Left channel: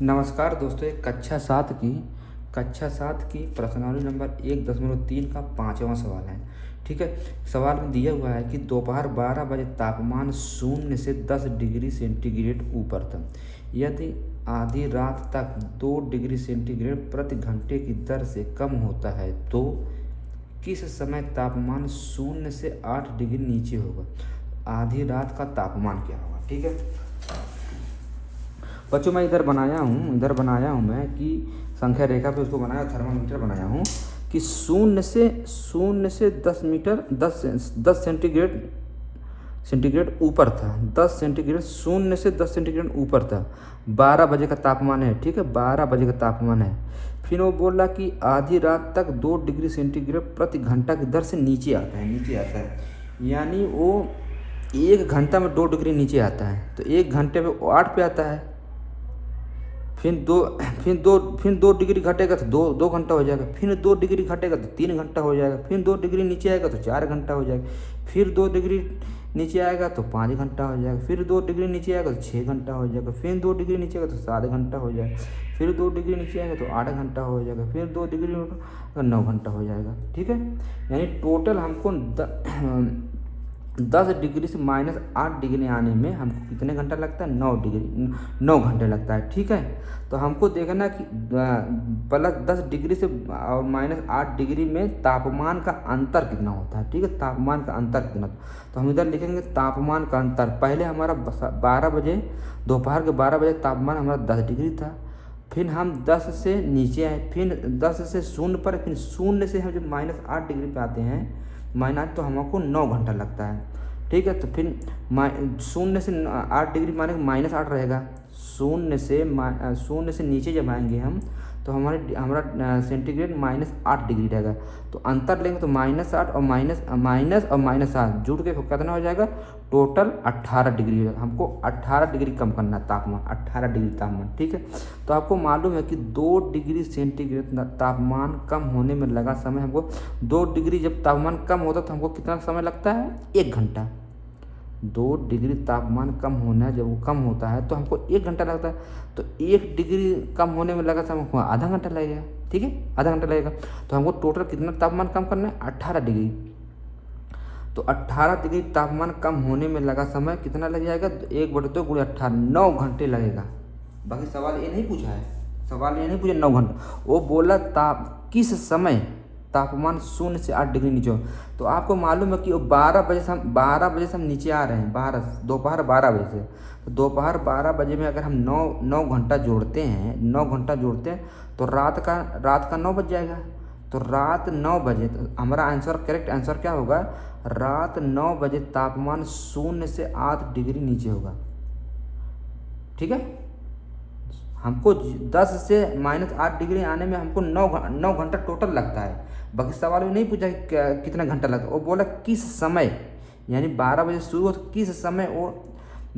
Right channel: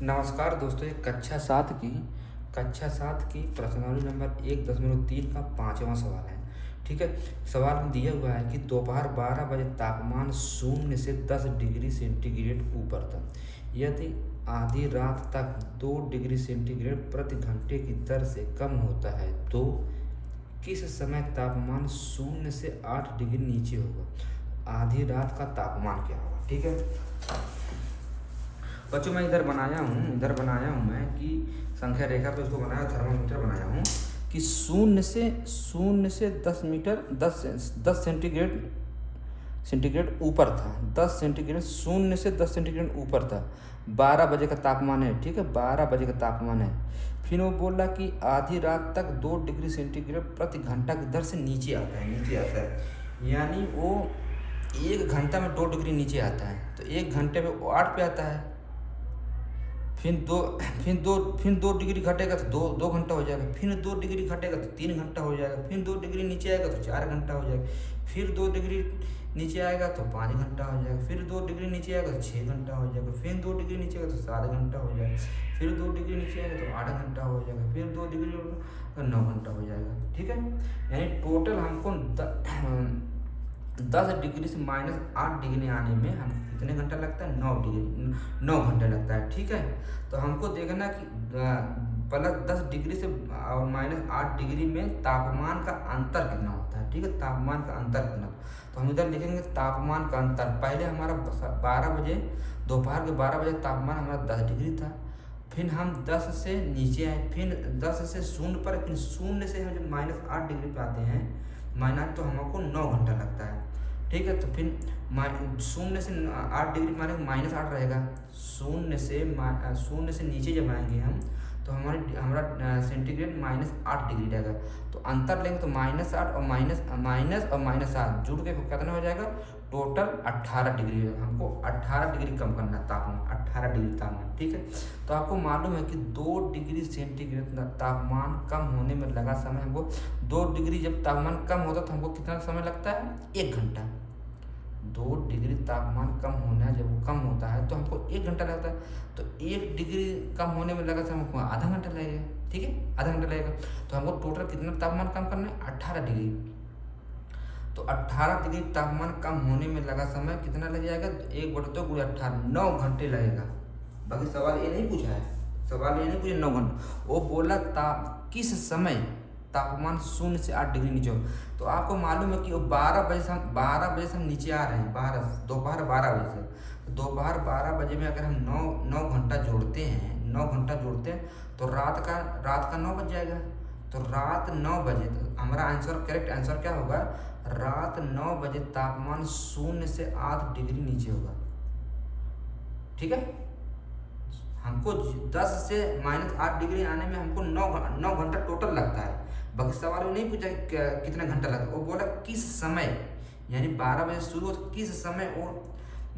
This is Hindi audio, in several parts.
नमस्कार दोस्तों, एक कक्षा सात की प्रश्नावली नंबर 1.3 का 5वां सवाल है। ठीक है। सवाल में दिया हुआ है कि दोपहर 12 बजे तापमान 0 से 10 डिग्री सेंटीग्रेड ऊपर था। यदि आधी रात तक 2 डिग्री सेंटीग्रेड प्रति घंटे की दर से कम होता है तो किस समय तापमान 0 से 8 डिग्री नीचे होगा। आधी रात का तापमान क्या होगा। ठीक है बच्चों, मैं इधर बनाया हूँ मैं कि संख्या रेखा पे उसको बनाया, थर्मामीटर बनाया हूँ कि शून्य से 10 सेंटीग्रेड ऊपर था। 10 सेंटीग्रेड, 0 से 10 सेंटीग्रेड ऊपर था। 12 बजे का तापमान है। ठीक है, 12 बजे का तापमान है। फिर वो बोल रहा कि आधी रात तक 2 डिग्री सेंटीग्रेड प्रति घंटा की दर से नीचे आता है। यानी वो 1 घंटा में 2 डिग्री नीचे आता है। तो 1 घंटे में वो 8 पे आता है। फिर दो डिग्री घटेगा तो दो घंटा हो जाएगा। फिर 2 डिग्री घटेगा तो 3 घंटा हो जाएगा। फिर 2 डिग्री नीचे आएगा तो 4 घंटा हो जाएगा। फिर 2 डिग्री नीचे आएगा तो 5 घंटा हो जाएगा। फिर 2 डिग्री नीचे आएगा तो 6 घंटा हो जाएगा। फिर 2 डिग्री नीचे आएगा तो 7 घंटा हो जाएगा। फिर 2 डिग्री नीचे आएगा तो 8 घंटा हो जाएगा। फिर 2 डिग्री 9 घंटा हो जाएगा। ठीक है, यानी टोटल हमको 10 डिग्री से -8 डिग्री आने में हमको कितने घंटा लगता है। 9 घंटे लगता है। ठीक है, तो हमको देखना कि +10 डिग्री से और -8 डिग्री में तापमान का अंतर कितना होता है। ठीक है, तापमान का अंतर कितना। तो हम इधर लिखेंगे तापमान का अंतर। पहले हमारा 12 बजे, दोपहर के 12 बजे तापमान हमारा 10 डिग्री था। फिर हम 10 से नीचे आए, फिर 10 से 0 पर, फिर 0 से हम जब -8 डिग्री पे आते हैं, तो हमको 9 घंटा लगता है। ठीक है, तो फिर 0 से 8 डिग्री माने -8 रहेगा। 0 से नीचे जब आएंगे हम तो हमारा सेंटीग्रेड -8 डिग्री रहेगा। तो अंतर लेंगे तो -8 और -8 जुड़ के कितना हो जाएगा, टोटल 18 डिग्री। हमको 18 डिग्री कम करना है तापमान, 18 डिग्री तापमान। ठीक है, तो आपको मालूम है कि 2 डिग्री सेंटीग्रेड तापमान कम होने में लगा समय हमको 2 डिग्री जब तापमान कम होता तो हमको कितना समय लगता है, 1 घंटा। 2 डिग्री तापमान कम होना, जब वो कम होता है तो हमको 1 घंटा लगता है। तो 1 डिग्री कम होने में लगा समय हमको आधा घंटा लगेगा। ठीक है, आधा घंटा लगेगा। तो हमको टोटल कितना तापमान कम करना है, 18 डिग्री। तो 18 डिग्री तापमान कम होने में लगा समय कितना लग जाएगा, 1/2 × 18, 9 घंटे लगेगा। बाकी सवाल ये नहीं पूछा है, 9 घंटे। वो बोला किस समय तापमान 0 से 8 डिग्री नीचे हो। तो आपको मालूम है कि 12 बजे से हम नीचे आ रहे हैं, दोपहर 12 बजे से। तो दोपहर 12 बजे में अगर हम 9 घंटा जोड़ते हैं तो रात का 9 बज जाएगा। तो रात 9 बजे, तो हमारा करेक्ट आंसर क्या होगा, रात 9 बजे तापमान 0 से 8 डिग्री नीचे होगा। ठीक है, हमको 10 से -8 डिग्री आने में हमको 9 घंटा टोटल लगता है। बाकी सवाल में नहीं पूछा कितना घंटा लगता है, वो बोला किस समय, यानी 12 बजे शुरू हो तो किस समय वो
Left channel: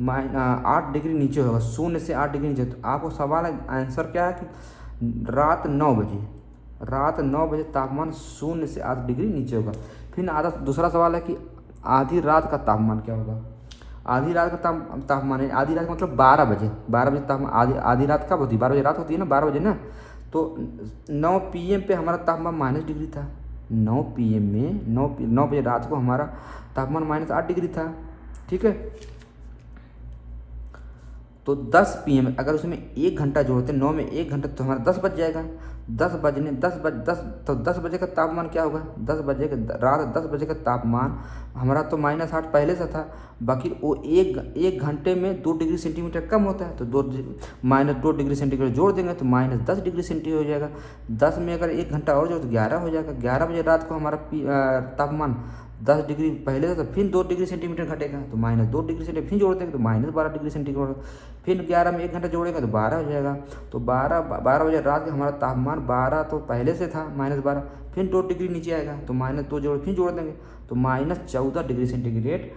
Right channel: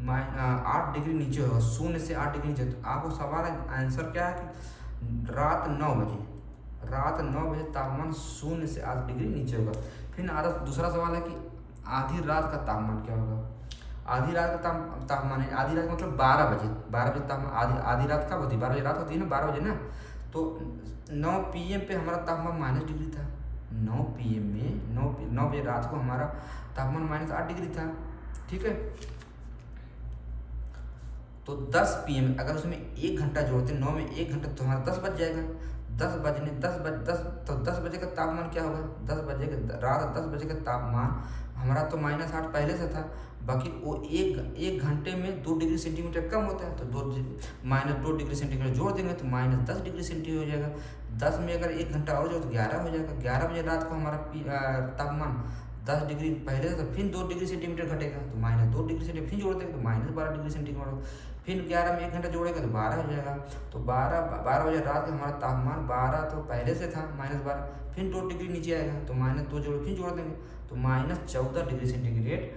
8 डिग्री नीचे होगा, 0 से 8 डिग्री नीचे। तो आपको सवाल आंसर क्या है कि रात 9 बजे तापमान 0 से 8 डिग्री नीचे होगा। फिर दूसरा सवाल है कि आधी रात का तापमान क्या होगा। आधी रात का तापमान है, आधी रात मतलब 12 बजे तापमान। आधी रात कब होती है, 12 बजे रात होती है ना, 12 बजे ना। तो 9 PM पे हमारा तापमान -डिग्री था। 9 PM में 9 बजे रात को हमारा तापमान -8 डिग्री था। ठीक है, तो 10 PM अगर उसमें 1 घंटा जोड़ते, 9 में 1 घंटा तो हमारा 10 बज जाएगा। 10 बजे का तापमान क्या होगा, रात 10 बजे का तापमान हमारा तो -8 पहले से था। बाकी वो एक घंटे में 2 डिग्री सेंटीमीटर कम होता है। तो -2 डिग्री सेंटीग्रेड जोड़ देंगे तो -10 डिग्री सेंटीग्रेड हो जाएगा। 10 में अगर 1 घंटा और जोड़ तो 11 हो जाएगा। 11 बजे रात को हमारा तापमान 10 डिग्री पहले से, तो फिर 2 डिग्री सेंटीमीटर घटेगा। तो -2 डिग्री सेंटीमीटर फिर जोड़ देंगे तो -12 डिग्री सेंटीग्रेड। फिर 11 में 1 घंटा जोड़ेगा तो 12 हो जाएगा। तो 12 बजे रात का हमारा तापमान 12 तो पहले से था -12, फिर 2 डिग्री नीचे आएगा तो -2 फिर जोड़ देंगे तो -14 डिग्री सेंटीग्रेड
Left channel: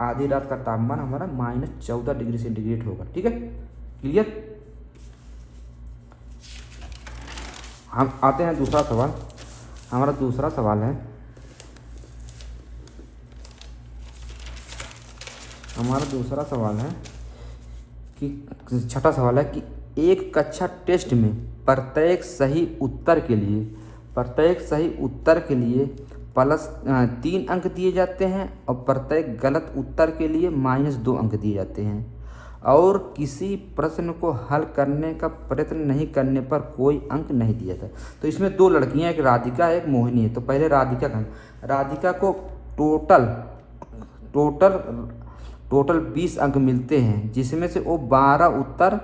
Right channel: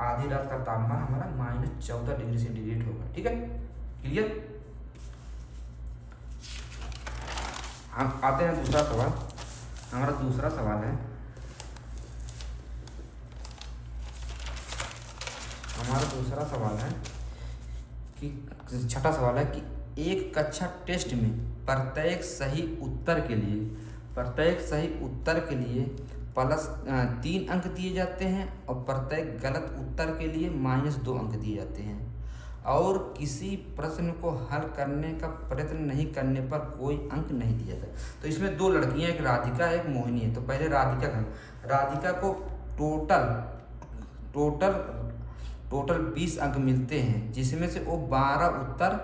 आधी रात का तापमान हमारा -14 डिग्री सेंटीग्रेड होगा। ठीक है, क्लियर। हम आते हैं दूसरा सवाल। हमारा दूसरा सवाल है, कि छठा सवाल है कि एक कक्षा टेस्ट में प्रत्येक सही उत्तर के लिए प्लस 3 अंक दिए जाते हैं और प्रत्येक गलत उत्तर के लिए -2 अंक दिए जाते हैं और किसी प्रश्न को हल करने का प्रयत्न नहीं करने पर कोई अंक नहीं दिया जाता। तो इसमें 2 लड़कियां, एक राधिका एक मोहिनी है। तो पहले राधिका को टोटल 20 अंक मिलते हैं, जिसमें से वो 12 उत्तर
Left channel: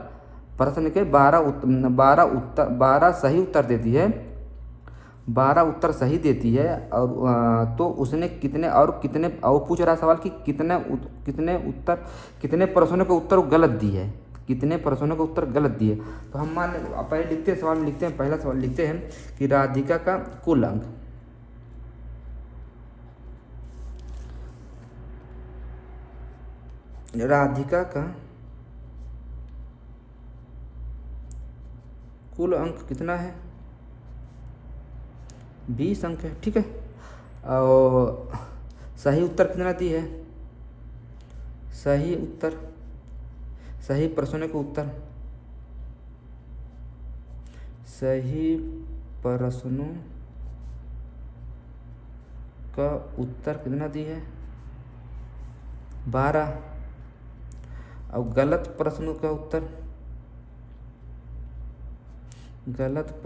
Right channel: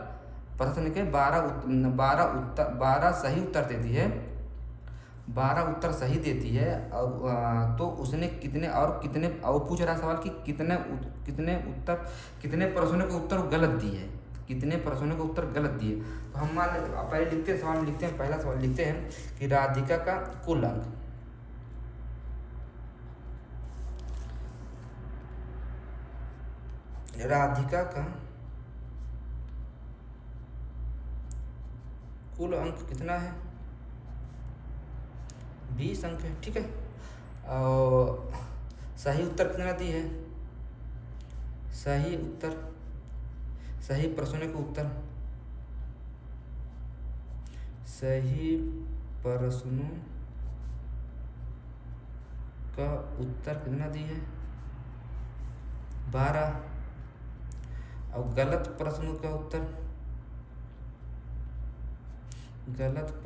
प्रश्न के 12 सही उत्तर देती है, 12 उत्तर सही देती है। और तो उसने कितने और पूछ रहा सवाल कि कितने प्रश्नों के उत्तर गलत दिए, कितने प्रश्नों के उत्तर गलत दिए। तो हम पहले लिखते हैं सवाल, लिखते हैं पहला सवाल लिखते हैं कि राधिका का कुल अंक, राधिका का कुल अंक कितना है, 20 अंक है, ठीक है। और सही उत्तर कितना दी है, सही प्रश्नों के उत्तर, सही प्रश्नों का उत्तर कितना दी है, 12। और गलत प्रश्नों का उत्तर, गलत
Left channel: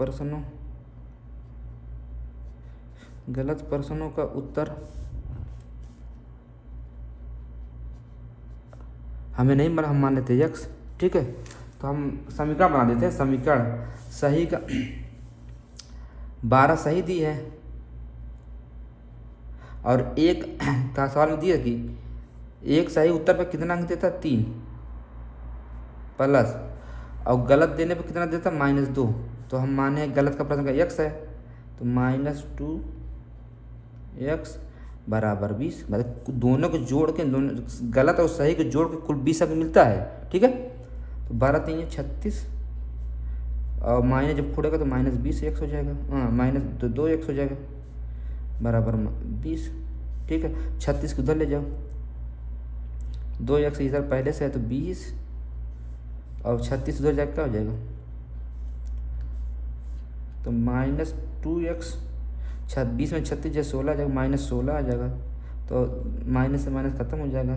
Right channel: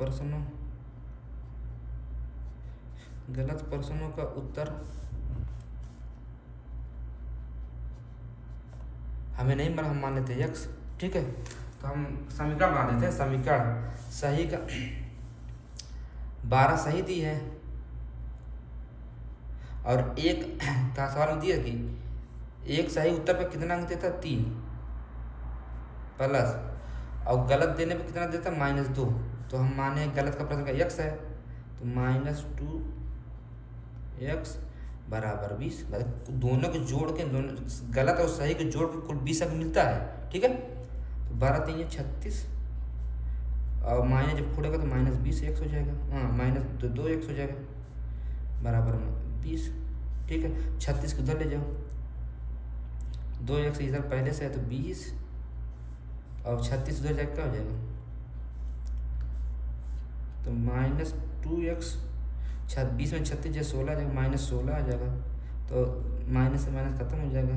प्रश्नों का उत्तर हमें नहीं, हम मान लेते x, ठीक है। तो हम समीकरण बना देते हैं। समीकरण सही का 12 सही दी है और एक का सवाल में दिया कि एक सही उत्तर पर कितना अंक देता, 3 प्लस और गलत देने पर कितना देता, -2। तो हम माने गलत का प्रश्न का x है, तो -2x बराबर 20। मतलब दोनों को जोड़ के, दोनों गलत और सही को जोड़ के कुल 20 अंक मिलता है, ठीक है। तो 12 3 36 और माइनस जब फोड़ेगा तो -20 x हो जाएगा, हाँ -2x हो जाएगा बराबर 20, ठीक है। 36 को उधर ले जाओ, 2x इधर पहले से है तो 20 और 36 उधर जाकर क्या हो जाएगा, तो -2x, 20 में 36 जो 16 आ जाएगा, -16 आ जाएगा। तो माइनस से माइनस खत्म हो जाएगा,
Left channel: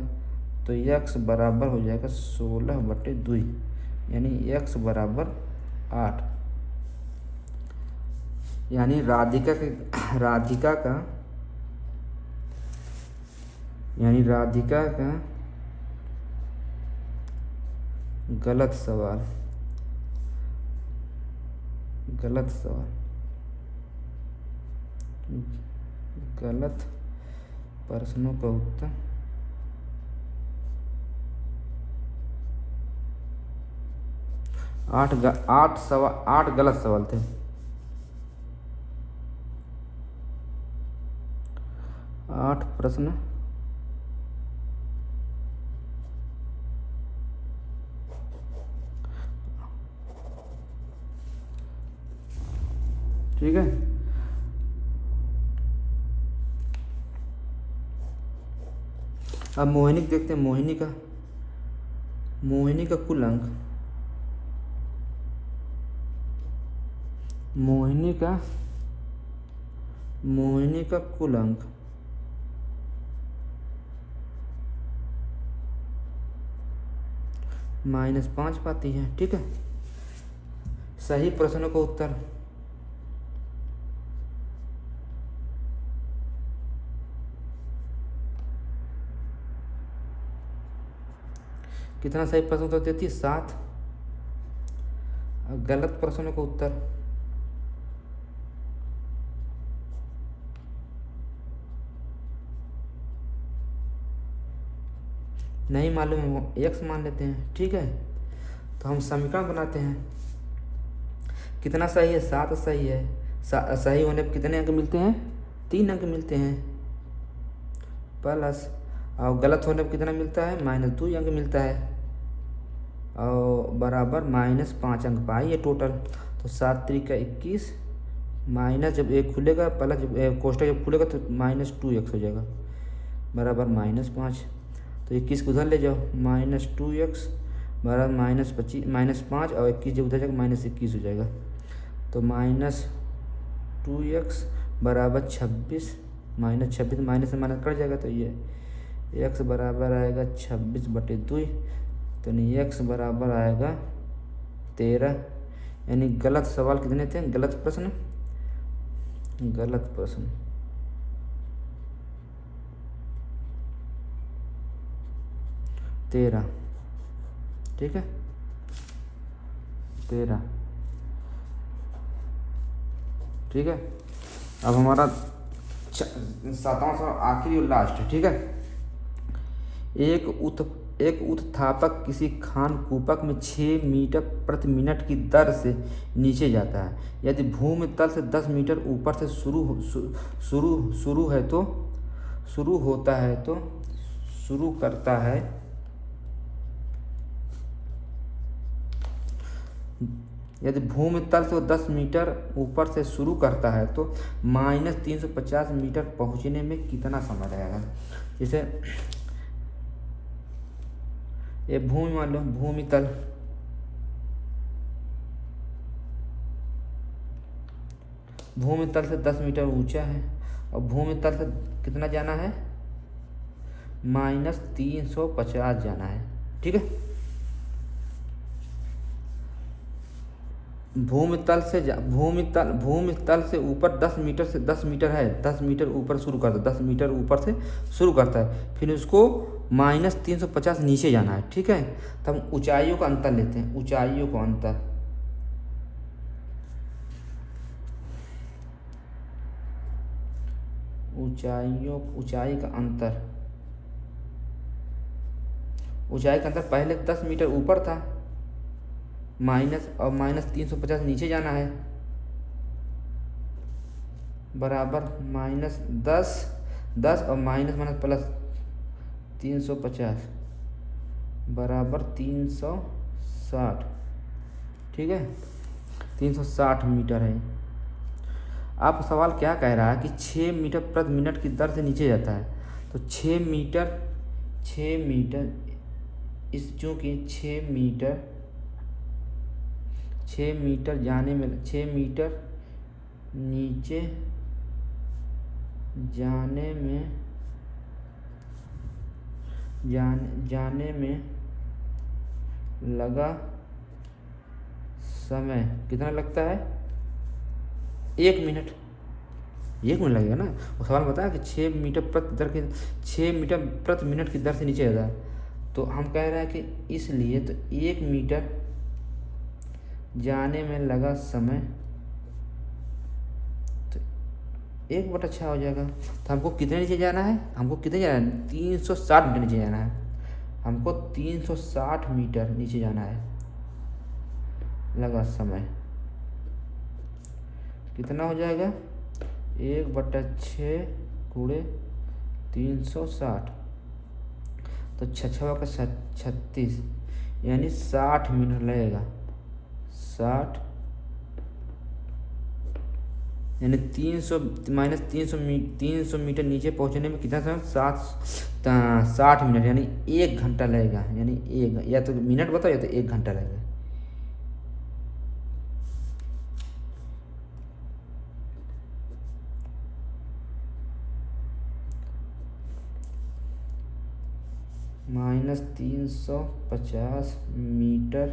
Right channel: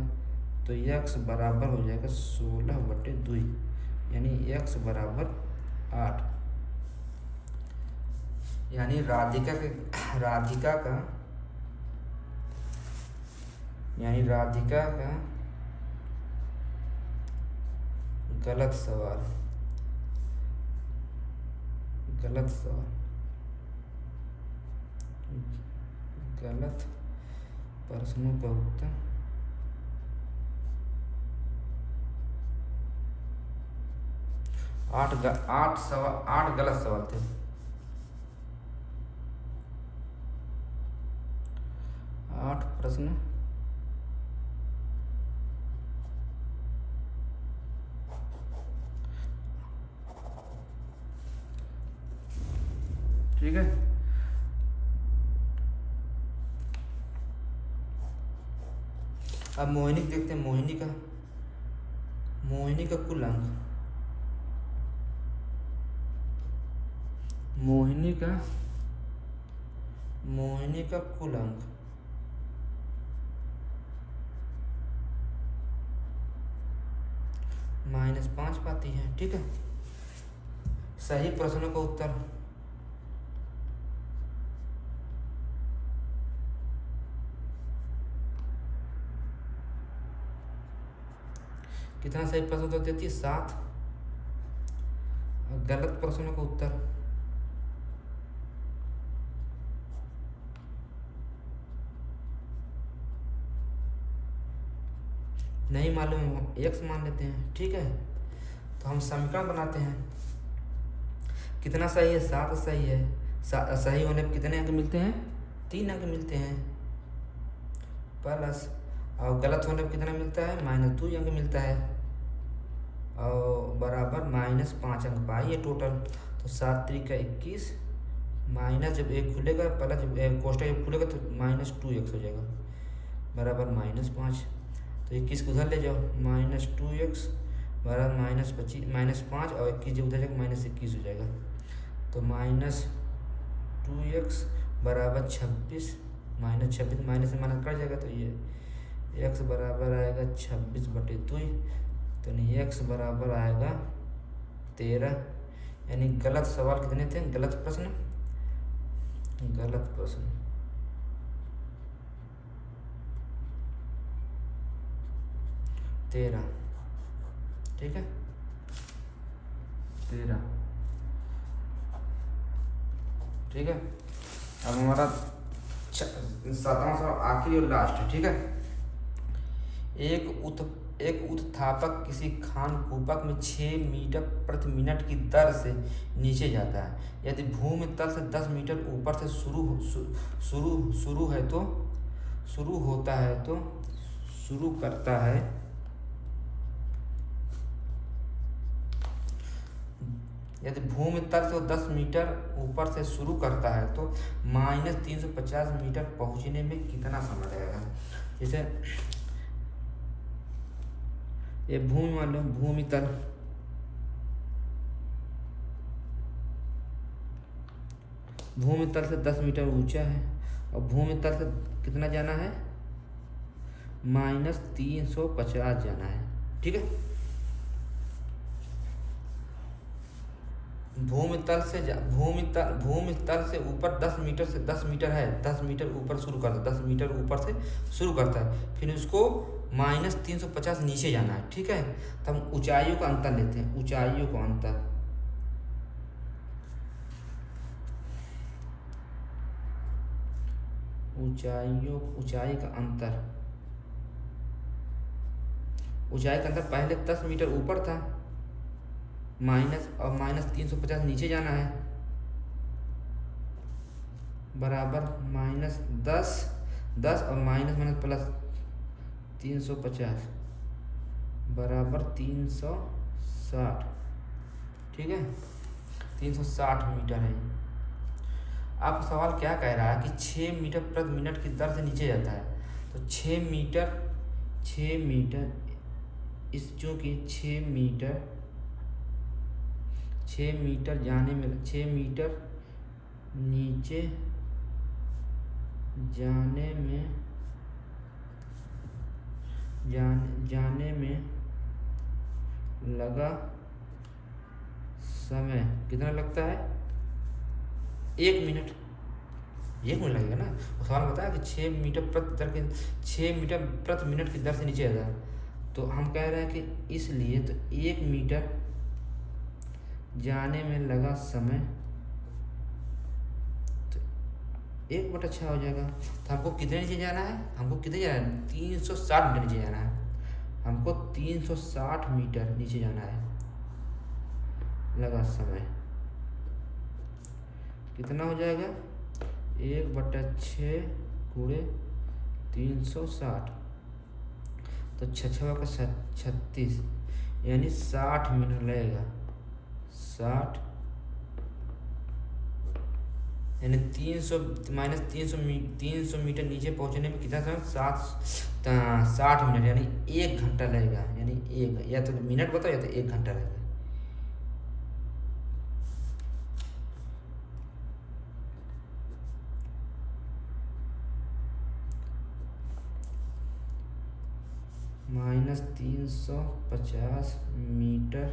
तो x बराबर हो जाएगा 16/2, यानी x बराबर 8। यानी राधिका का गलत प्रश्नों का उत्तर 8 गलत सवाल थे। 8 प्रश्न ठीक है। अब मोहिनी देखते हैं, मोहिनी का कुल अंक, मोहिनी का कुल अंक -5 पाती है, ठीक है। सही प्रश्नों का उत्तर कितना, सही प्रश्न उत्तर देती है 7। गलत प्रश्नों का उत्तर नहीं मालूम है, x मान लेते हैं, ठीक है। तो हम समीकरण बनाते हैं, कितना सही है, 7 सही है। सही होने पर कितने अंक मिलते हैं, 3 अंक मिलते हैं, प्लस और गलत होने पर कितना मिलता है, -2 अंक मिलता है, और बराबर -5 अंक पाए ये टोटल। तो 7 3 21 माइनस जब एक खुलेगा, प्लस जब कोष्टक जब खुलेगा तो -2x हो जाएगा बराबर -5। तो 21 को उधर ले जाओ, -2x बराबर -25 -5 और 21 जब उधर जाएगा -21 हो जाएगा। तो -2x बराबर 26 -26 माइनस से माइनस कट जाएगा, तो ये x बराबर आएगा 26/2। तो नहीं x बराबर आएगा 13। यानी गलत सवाल कितने थे, गलत प्रश्न 13। ठीक है 13। ठीक है, अब हमारा 7वां सवाल आखिरी और लास्ट है। ठीक है, एक उत्थापक किसी खानकुपक में 6 मीटर प्रति मिनट की दर से नीचे जाता है। यदि भूमि तल से 10 मीटर ऊपर से शुरू करता है। यदि भूमि तल से 10 मीटर ऊपर से शुरू करता है तो -350 मीटर पहुंचने में कितना समय लगेगा। जैसे ये भूमि मान लो, भूमि तल से 10 मीटर ऊंचा है और भूमि तल से कितना जाना है, -350 जाना है। ठीक है, भूमि तल से ऊपर 10 मीटर है, 10 मीटर ऊपर शुरू करता है, 10 मीटर ऊपर से शुरू करता है, फिर उसको -350 नीचे जाना है। ठीक है, तो हम ऊंचाइयों का अंतर लेते हैं, ऊंचाई का अंतर। ऊंचाई का अंतर पहले 10 मीटर ऊपर था, -350 नीचे जाना है, बराबर -10 और माइनस प्लस 350 बराबर 360। ठीक है, 360 मीटर है। आप सवाल क्या कह रहा है कि 6 मीटर प्रति मिनट की दर से नीचे जाता है, तो 6 मीटर इस चूँकि 6 मीटर जाने में, 6 मीटर नीचे जाने में लगा समय कितना लगता है, 1 मिनट। 1 मिनट लगेगा ना। वो सवाल बताया कि 6 मीटर प्रति मिनट की दर से नीचे जाता है, तो हम कह रहे हैं कि इसलिए तो 1 मीटर जाने में लगा समय तो 1/6 हो जाएगा। तो हमको कितने नीचे जाना है, 360 मीटर नीचे जाना है। हमको 360 मीटर नीचे जाना है, लगा समय कितना हो जाएगा, 1/6 गुणे 360, तो 6 का 36, यानी 60 मिनट लगेगा। 60 यानी 300 मीटर नीचे पहुंचने में कितना समय, 60 मिनट, यानी 1 घंटा लगेगा। यानी या तो मिनट बताओ या तो 1 घंटा लगेगा। -350 मीटर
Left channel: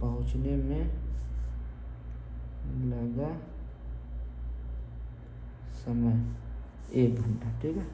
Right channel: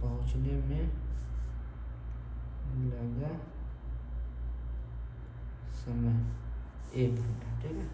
पहुंचने में लगा समय 1 घंटा। ठीक है।